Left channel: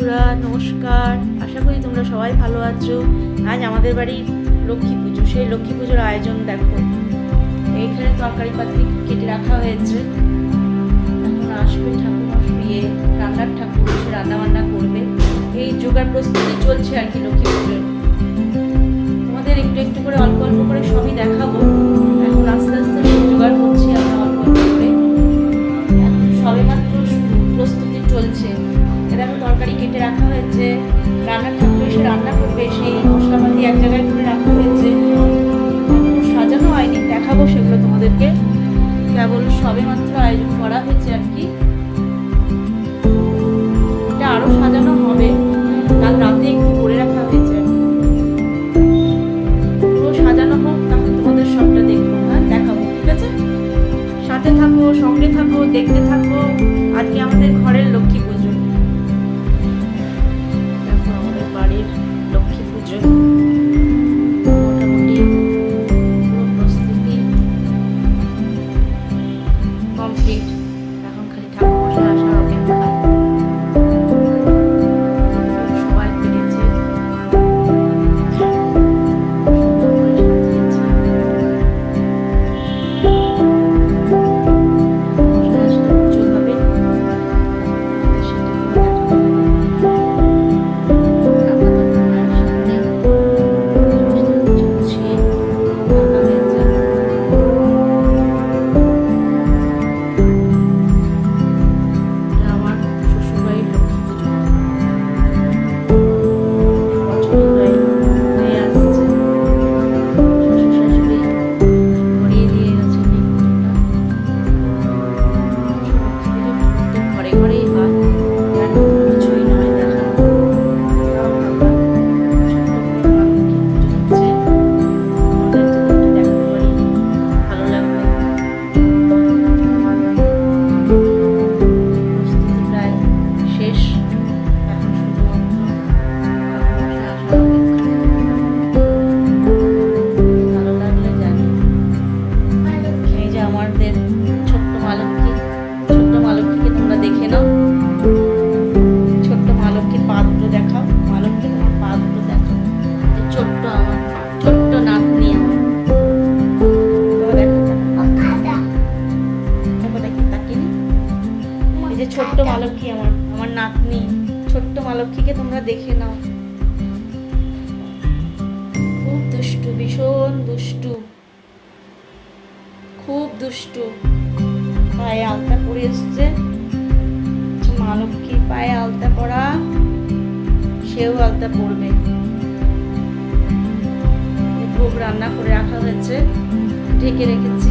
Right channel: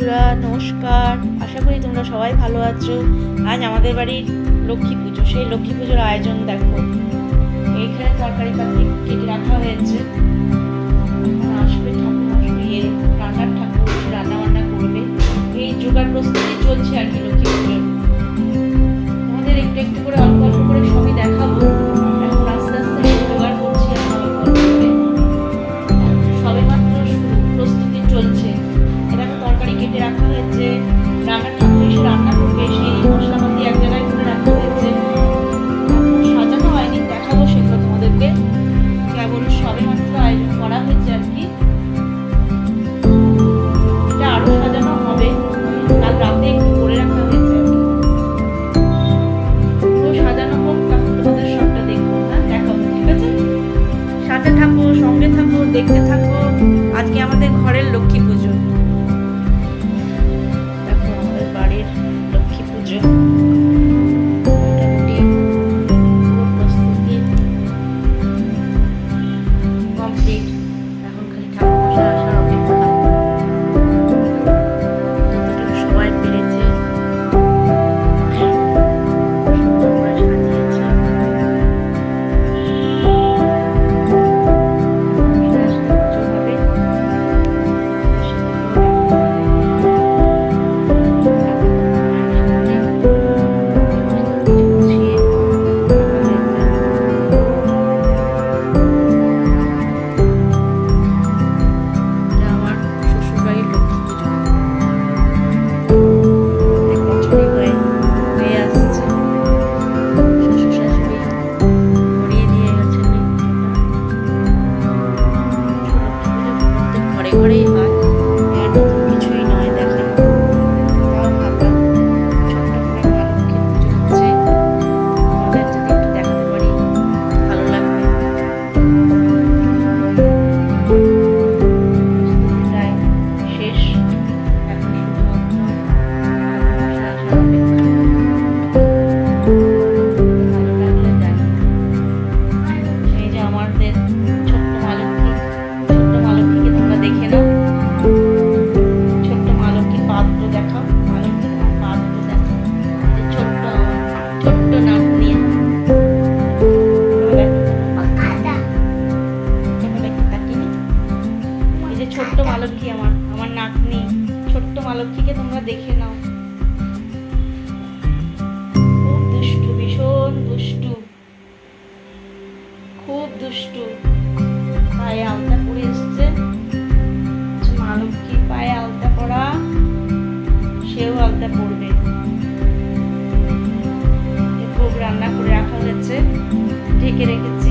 বন্ধুরা, নমস্কার। আশা করি তোমরা সবাই ভালো আছো। আজ আমাদের বাড়ির লক্ষ্মী পুজো। সেই লক্ষ্মী পুজোর আয়োজন দেখো। এইখানে তরকারি পাতি কেটে রাখা হয়েছে। এখন আসবে ঠাকুর, রান্নার ঠাকুর এসে রান্না বান্না করবে। এই জোগাড় প্রস্তুতি চলছে আর কি লক্ষ্মী পুজোর। তোমাদের একটু একটু করে অল্প অল্প করে সবই দেখাবো। এখন আস্তে আস্তে জোগাড় করছি আমরা অল্প অল্প করে। এখন সবে মাত্র শুরু, প্রস্তুতি চলছে। এরকম তরকারি কেটে রাখা হয়েছে, রান্নার ঠাকুর এসে রান্না করবে, সেই মশলাপাতি এক জায়গায় করে রাখা হয়েছে। ঠাকুর সাজানো হয়নি, দেখাবো সেগুলো তোমাদেরকে। কেবল সবে মাত্র আয়োজন করা হয়েছে আর কি। এটা আরো সাজানো হবে, কাল রাতে একটু করে রাখা হয়েছে আর কি। পুরো সাজানো হোক, তখন তোমাদের সবটা দেখবো, হ্যাঁ দেখাবো, ঠিক আছে? সাথে থাকো, সঙ্গে থাকো, দেখতে থাকো। আজকে আমাদের ঘরের লক্ষ্মী পুজো। দেখো আমাদের বাড়ির লক্ষ্মী পুজো মোটামুটি পুরো প্রস্তুতি কমপ্লিট। এখন খালি ঠাকুর মশাই আসা অপেক্ষা। সবাই ফিরেছে, ছোট্ট মালক্ষী, আমার নাতনি ছোট্ট মালক্ষীকে তোমরা দেখে নাও। খুব দুষ্টু, ভীষণ দুষ্টু, খুব দুষ্টু। পায়ে আলতা পরে এসছে। মালক্ষী পায়ে আলতা পরা, সেও আলতা পরবে। ভোগ রান্না করে রাখা হয়েছে, ঢেকে রেখেছি।